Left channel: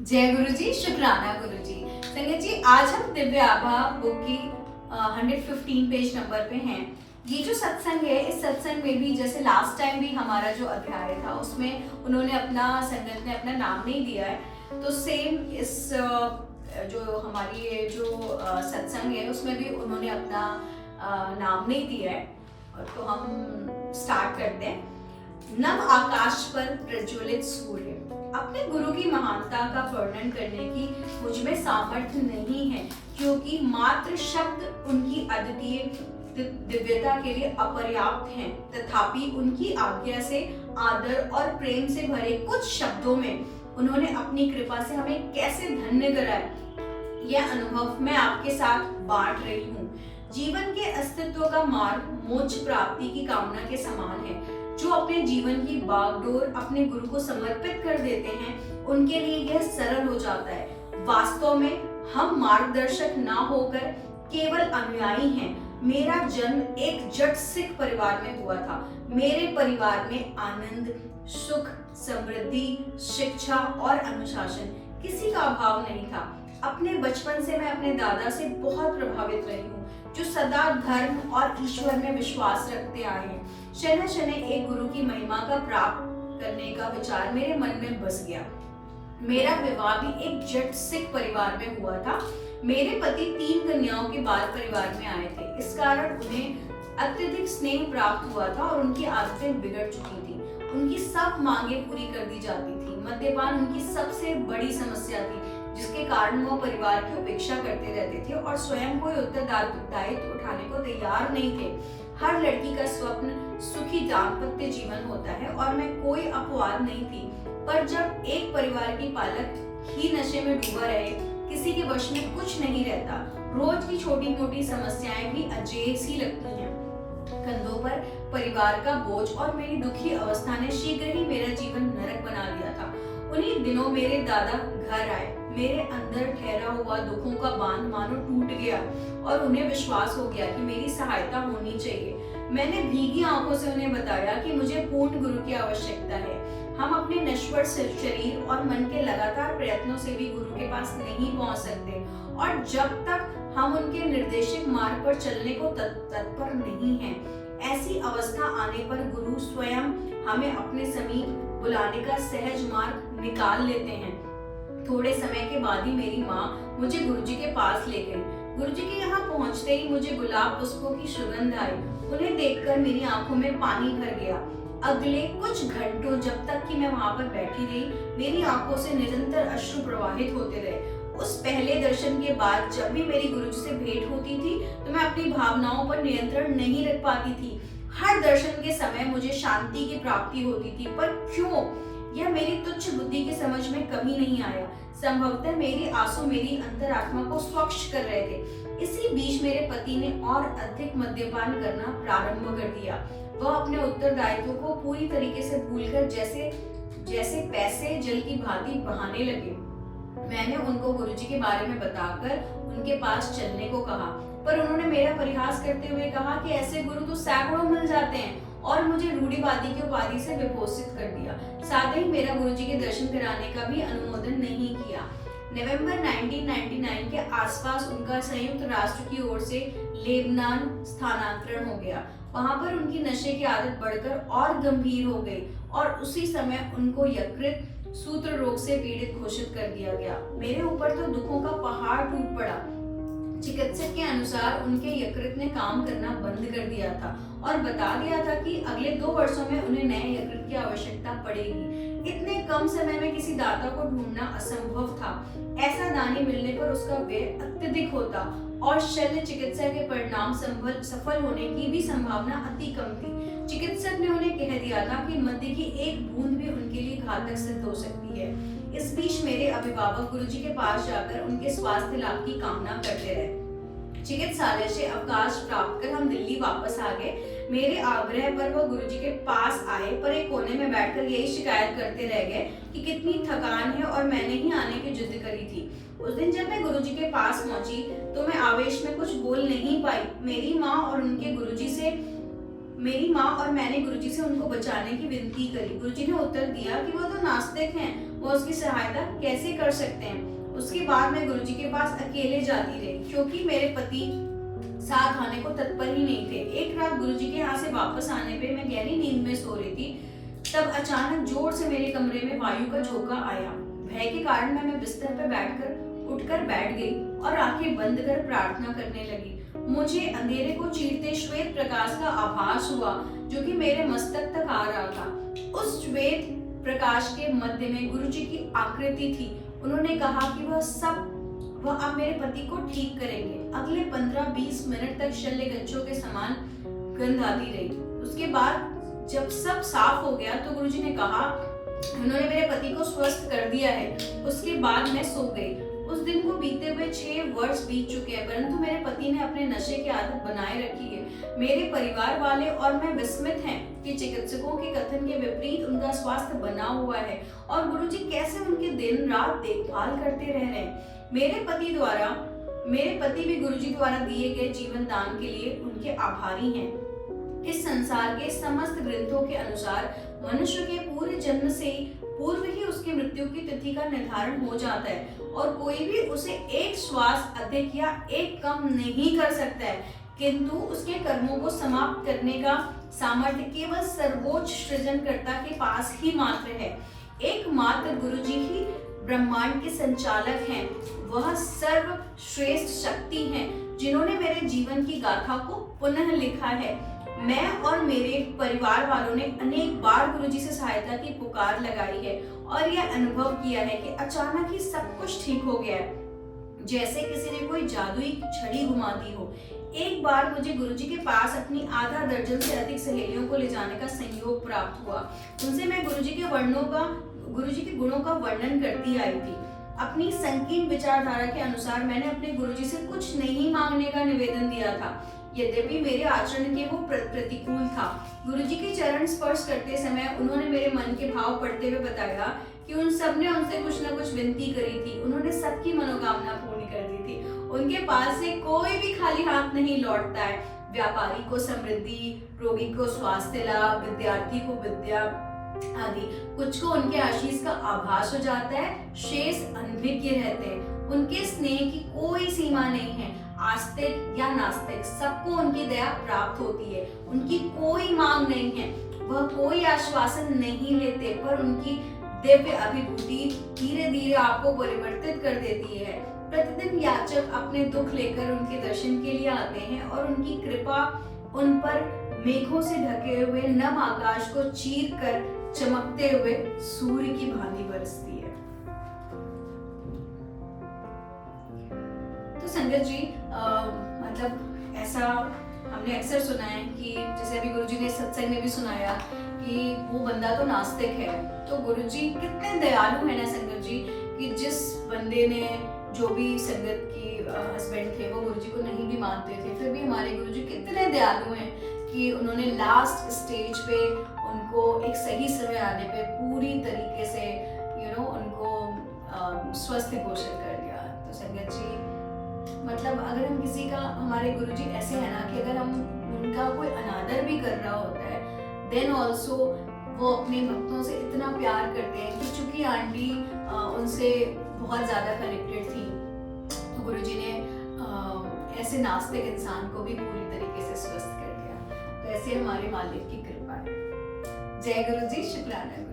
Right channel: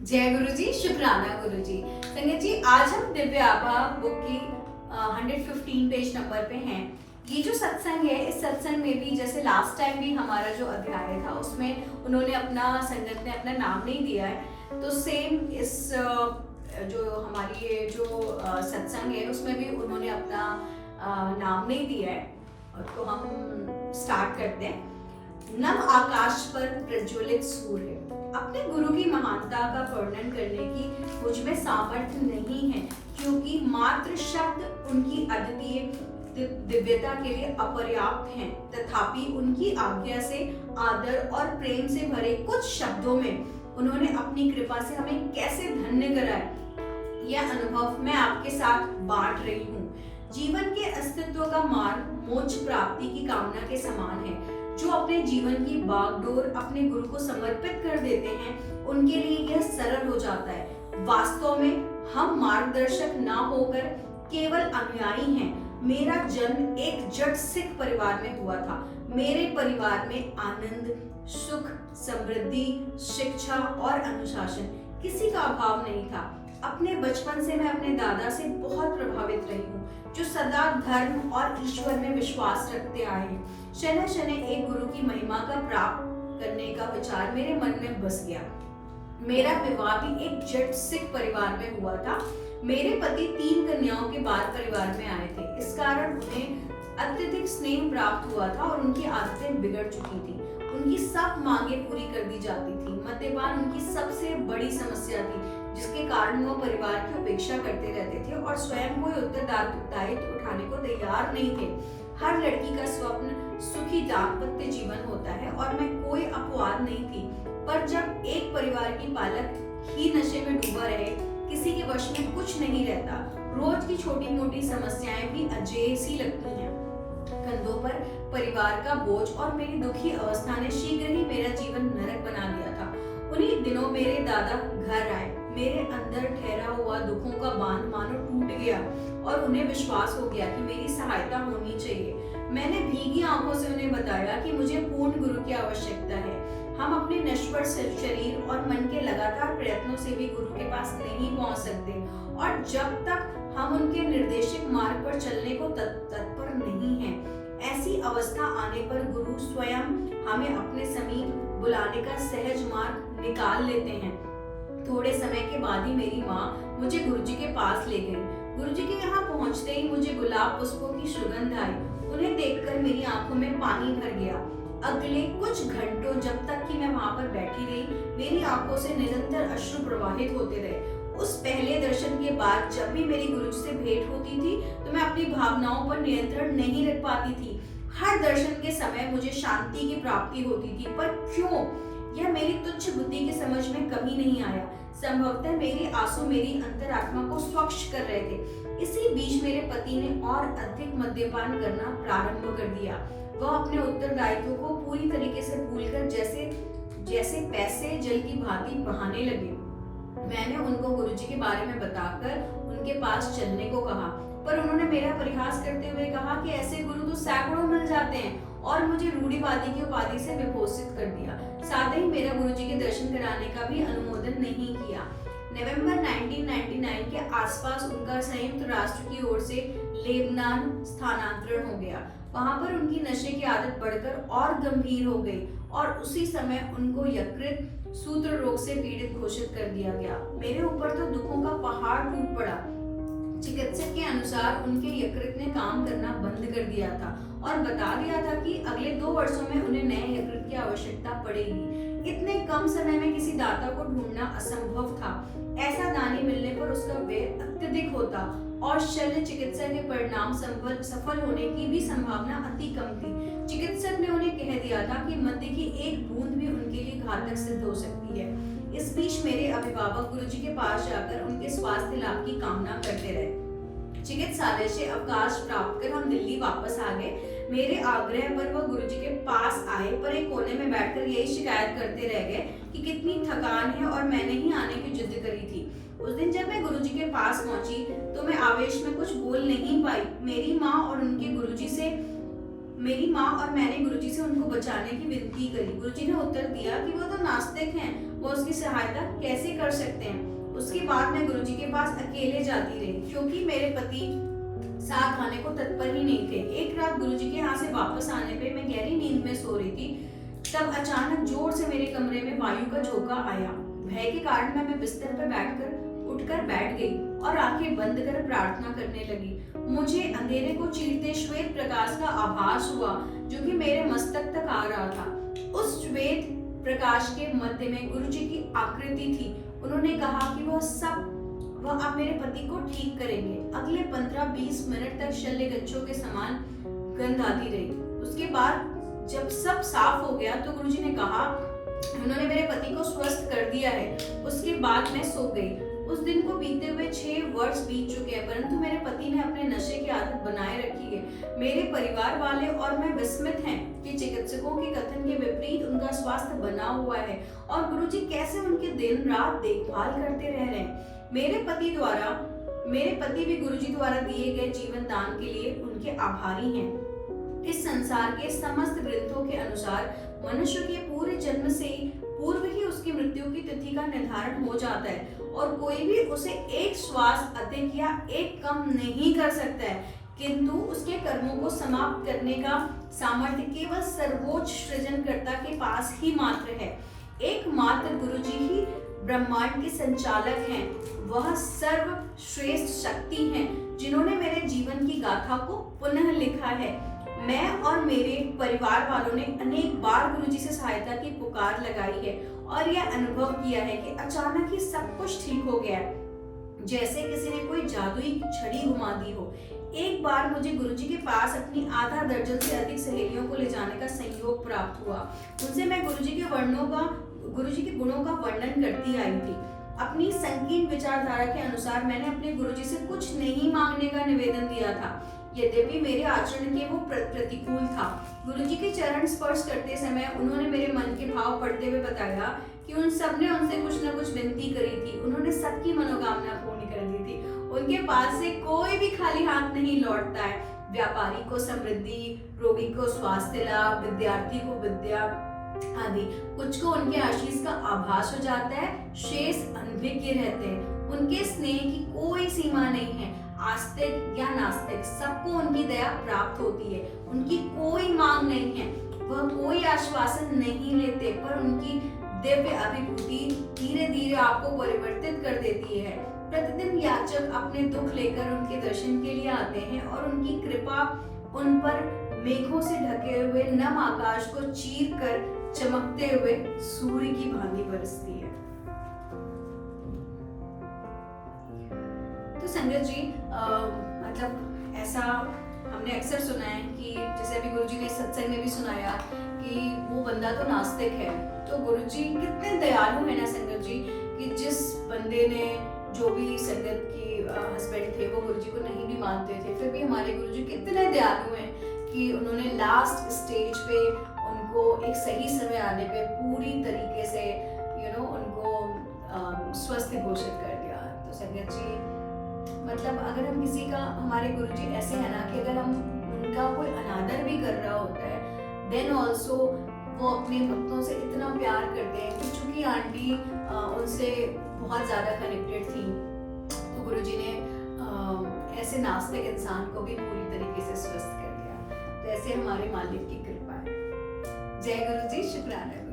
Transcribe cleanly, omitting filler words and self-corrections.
जय गुरु जी, शुक्राना गुरु जी। संगत जी, आज हम दिव्य आभा बुक की 115 पेज नंबर पे हैं। ये जो सत्संग है, इस सत्संग में भी जैसे लास्ट टाइम भी हमारा जो अध्याय था उसमें उन्होंने संगत ने अपना नाम नहीं दिया है, तो सेम इस जो हमारी ये जो सत्संग है उसमें भी उन्होंने अपना नाम नहीं दिया है। तो हम स्टार्ट करते हैं। नव आकाश पर प्रज्वलित सूर्य। अपने गुरु की महानता का वर्णन करने की मुझ में सामर्थ्य नहीं है, क्योंकि मात्र शब्द उनकी अद्वितीय दिव्यता के लिए अपर्याप्त हैं। तथापि उनकी आज्ञा से आदर और प्रेम से भरे कुछ शब्दों में उन्होंने अपनी कृपा से हमें कैसे धन्य कराया, यह अनुभव मैं आपके साथ बांट रही हूँ। जीवन के अस्तित्व का मार्ग मोक्ष प्राप्ति की कामना के समान है। जो अपने जीवन की बागडोर अपने गुरु को समर्पित कर देते हैं, उनके लिए यह सरल हो जाता है। वास्तव में हम मार्गदर्शक ना होकर केवल अनुयायी हैं। मेरा जन्म एक जट सिख परिवार में हुआ था। मेरे परिवार में आनंद, सुख, समृद्धि, शिक्षा और अनुशासन किसी का अभाव नहीं था। अपने बचपन से मैं अपने दादा से बहुत प्रभावित रही हूँ, जो सदा धर्म और ईश्वर में विश्वास रखते आए हैं। शनै शनै एक गुरु की महिमा का प्राप्त करने का विचार मेरे मन में बस गया। मेरा विवाह भी एक जट सिख परिवार में हुआ था। मेरे पति 3 कन्याओं के बाल परिवार में आए थे। इस कारण उन्हें अत्यधिक स्नेह प्राप्त हुआ था और उनकी आदतें बिगड़ चुकी थी। उनकी सब मांगें पूरी कर दी जाती थी। मद्यपान उनकी सबसे बड़ी समस्या थी, जिसके कारण वो परिवार की उपेक्षा करते रहते थे और स्वयं कोई उत्तरदायित्व उठाने को तैयार नहीं थे। हर लड़की का स्वप्न सुखी दाम्पत्य जीवन होता है और मैं कोई अपवाद नहीं थी। पर जब एक परिवार की पालक ही नशे में डूबा रहे, किसी के वश में कुछ नहीं रहता। रोज की छोटी मोटी समस्याएं भी अजेय सी लगती हैं। कंधों पर परिवार का बोझ और मेरी दुखी अवस्था ने शीघ्र ही मेरा जीवन नरक बना दिया था। उन्हीं दिनों मेरे दादा घर आए। मेरे अंदर ठहरा हुआ दुखों का बांध मानो टूट गया और उन्हें विश्वास हो गया कि मेरी सहायता होनी चाहिए। मैंने भीगी आंखों से उन्हें बताया कि मुझे पूर्ण गुरु की आवश्यकता है। हम अपने नश्वर शरीर और मन के लगातार प्रयत्नों से भी गुरु के पास नहीं पहुंच सकते, और जब तक हम उनके निर्देशित मार्ग पर चलने को तत्पर नहीं हैं। ऐसी अवस्था आने पर गुरु स्वयं हमें अपने समीप बुलाने का सहज मार्ग निकाल लेते हैं। थोड़े समय के बाद ही मेरी माँ मुझे गुरुजी के पास ले गई। गुरुजी के यहाँ पहुँचते ही मुझे गुलाब पुष्पों की सुगंध आई। उन्हें देखकर मेरी आंखों में पानी भर गया। अगले कुछ घंटों जब तक कि मैं वहाँ पर बैठी रही, मेरी आंखों से निरंतर अश्रु प्रवाहित होते रहे। उस पहले दर्शन के बाद जब भी मेरी गुरुजी से भेंट होती थी, तो मैं अपनी भावनाओं पर नियंत्रण नहीं रख पाती थी। हर दर्शन के समय मुझे शांति की प्राप्ति होती थी, पर क्यों, यह मेरी तुच्छ बुद्धि की समझ में कभी नहीं आया। संभवतः मेरे आंसू मेरी अंतरात्मा को स्वच्छ कर रहे थे। इसी बीच मेरे पति ने और अधिक मद्यपान करना प्रारंभ कर दिया। वह अपने उत्तरदायित्व को पूरी तरीके से भूलकर जैसे पैसे जल की भांति बहाने लगे। मैंने उनको गुरुजी के बारे में बताकर उनके पास चलने को कहा, पर उन्होंने मेरा परिहास करते हुए कहा कि ऐसे गुरु तो सैकड़ों मिल जाते हैं, और मुझे रूढ़िवादी की उपाधि से विभूषित कर दिया। साथ ही मेरा गुरुजी के दर्शन कराने का भी अनुमोदन नहीं किया। नवंबर 1999 के आसपास उनका संयुक्त राष्ट्र की ओर से लेबनान स्थानांतरण हो गया। वहां पर उनकी नशे की आदत बढ़कर और गंभीर हो गई, और उसी समय उनको यकृत सूत्र रोग से पीड़ित घोषित कर दिया गया। मेरे ऊपर तो दुखों का पहाड़ टूट पड़ा। चिकित्सक के अनुसार उनके यकृत ने काम करना बंद कर दिया था और बता दिया था कि अगले 2 वर्षों में उन्हें नए यकृत की आवश्यकता पड़ेगी। इतने कम समय में किसी दाता को ढूंढना असंभव था। ऐसा दानी मिलने पर उसका व्यय अत्यधिक होता और शल्य चिकित्सा के परिणाम सफल होने की भी संभावना अति कम थी। चिकित्सक ने उन्हें कह दिया था कि मद्य की एक बूंद भी उनके लिए घातक सिद्ध हो सकती है। इस बीच मेरे अभिभावक गुरुजी के पास जाकर उनके स्वास्थ्य लाभ की कामना करते रहे। चिकित्सालय से अवकाश प्राप्त कर हम दिल्ली वापस आ गए। मेरे आग्रह पर वह गुरुजी के पास आए, पर एक कोने में बैठकर यही शिकायत करते रह गए कि कितनी थकान है और मैंने ही आने की जिद करी थी। उस दिन जब मैं गुरुजी के पास पहुंची तो मैं आवेश में कुछ बोल नहीं पाई। मेरी माँ और मैंने गुरुजी से उनको बचाने की विनती करी। गुरुजी ने उत्तर दिया कि वो तो नास्तिक हैं वो उसकी सहायता कैसे कर सकते हैं। उसके बाद मैं गुरुजी के पास अकेले जाती रही क्योंकि मेरे पति साथ आने को तत्पर ही नहीं थे। एक रात गुरुजी के यहाँ से वापस आने पे मैं गहरी नींद में सो रही थी, तब अचानक जोर से मेरे कमरे में वायु का झोंका आया। भय के कारण मैं बिस्तर पर उठकर बैठ गई और आंखें बंद कर प्रार्थना करने लगी। मुझे अंधेरे को चीरते श्वेत प्रकाश का आभास हुआ जो कि मेरे मस्तक तक आ रहा था। उस श्वेत प्रकाश के मध्य में गुरुजी की आकृति थी। उन्होंने कहा कि वह अब मेरे पति को ठीक करेंगे। अगले 15-20 मिनट तक शल्य गच्छों के समान गंध आती रही। उसके बाद जब सब साफ हो गया तो गुरुजी ने कहा उन्होंने मेरे पति को स्वस्थ कर दिया है। उसके बाद मैं सो गई। उस दिन को बीते हुए 6 वर्ष बीत चुके हैं, परंतु मेरे पति ने अपने नशे की आदत बनाए रखी है। मेरे परिवार वाले और मैं विस्मित हैं कि चिकित्सकों के कथन के विपरीत उनका स्वास्थ्य बना हुआ है और गुरुजी कैसे उनकी दिन रात देखभाल करते रह रहे हैं। मेरे पति भी गुरुजी द्वारा दिए गए जीवन दान के लिए उनके आभारी हैं। इस संसार के समस्त ग्रंथों के अनुसार मनुष्य के पूरे जन्म से पूर्व ही उसकी मृत्यु की तिथि का निर्धारण हो जाता है और कोई भी उसे एक श्वास अधिक या एक कम नहीं कर सकता है, किंतु उसके कर्मों को समाप्त करने का सामर्थ्य केवल सर्वोच्च सृजनकर्ता के पास ही मात्र है। एकमात्र गुरुजी ही ब्रह्मांड के संचालक हैं। वह सर्वश्रेष्ठ शक्ति हैं जिन्होंने मेरे जीवन की गाथा को पुनः लिखा है। मैं और मेरे परिवार वालों ने अनेक बार गुरुजी से सहायता की पुकार लगाई है और यह अनुभव किया है कि अचानक ही सब कुछ ठीक हो गया, जैसे किसी ने कोई जादुई छड़ी घुमा दी हो। एक बार मुझे गुरुजी के पास अपनी आधा दर्जन से अधिक सहेलियों को ले जाने का संयोग प्राप्त हुआ। उनसे मैं गुरुजी के गुणों का वर्णन करती आई थी। अपनी संकीर्ण विचारधारा के अनुसार मैंने अपने गुरुजी से कुछ नहीं मांगने का निवेदन दिया था, यद्यपि मेरे आचरण के वो प्रतिकूल था। गुरुजी के चरण स्पर्श करते समय उन्होंने मेरे मन के भाव पढ़ते हुए बताया कि उन सब ने उनसे कुछ न कुछ विनती करी थी। उन्होंने सबकी मनोकामना पूर्ण कर दी थी। उनके पास से कोई भी खाली हाथ नहीं लौटता है। व्यापारी को समृद्धि, रोगी को स्वास्थ्य लाभ, विद्यार्थी को विद्या आदि। कुछ को उनके आशीष का आभास हो जाता है, शेष अनभिज्ञ रहते हैं। उनके स्नेह की कोई सीमा नहीं है। आस्तिक या नास्तिक सबको उनकी दया प्राप्त होती है। उनकी कोई मांग नहीं है, वह कोई आश्वासन नहीं लेते, पर उनकी दिव्य अभिभूति धीरे धीरे आपको परिवर्तित कर देती है। प्रतिदिन याचक अपने दुख लेकर उनके दर्शन के लिए आते हैं और उनकी कृपा उन पर मेघों से ढके हुए नम आकाश को चीर कर चमकते हुए सूर्य की भांति बरसती है। तो संगत जी, मतलब ऐसा हमने अक्सर सुना है कि जैसे अभी गुरुजी ने सत्संग में भी सुनाया कि वो बंदा तो नास्तिक है, तो गुरुजी कितने दयालु है ना संगत जी, कि जिस बंदे ने जो भी संगत की हस्बैंड थे वो गुरुजी को नहीं भी मानते थे, फिर भी हमारे गुरुजी कितने दयालु हैं कि उन्होंने लास्ट स्टेज पे उनको एक सही समय आने पे पूरी तरीके से उनको स्वस्थ घोषित कर दिया। तो संगत जी, मतलब अगर हम किसी का, हमारे गुरुजी ऐसे है ना कि अगर हम उनका कोई अनादर भी कर रहा होता है, देन ऑल्सो वो अपने भक्तों से इतना प्यार करते हैं कि चूंकि आंटी उनसे बहुत ज्यादा कनेक्टेड थी, तो गुरुजी ने ऐसे नास्तिक इंसान को भी पूरी तरीके से स्वस्थ कर दिया। तो ऐसे हमारे मालिक की कृपा है। जय गुरुजी, शुक्राना।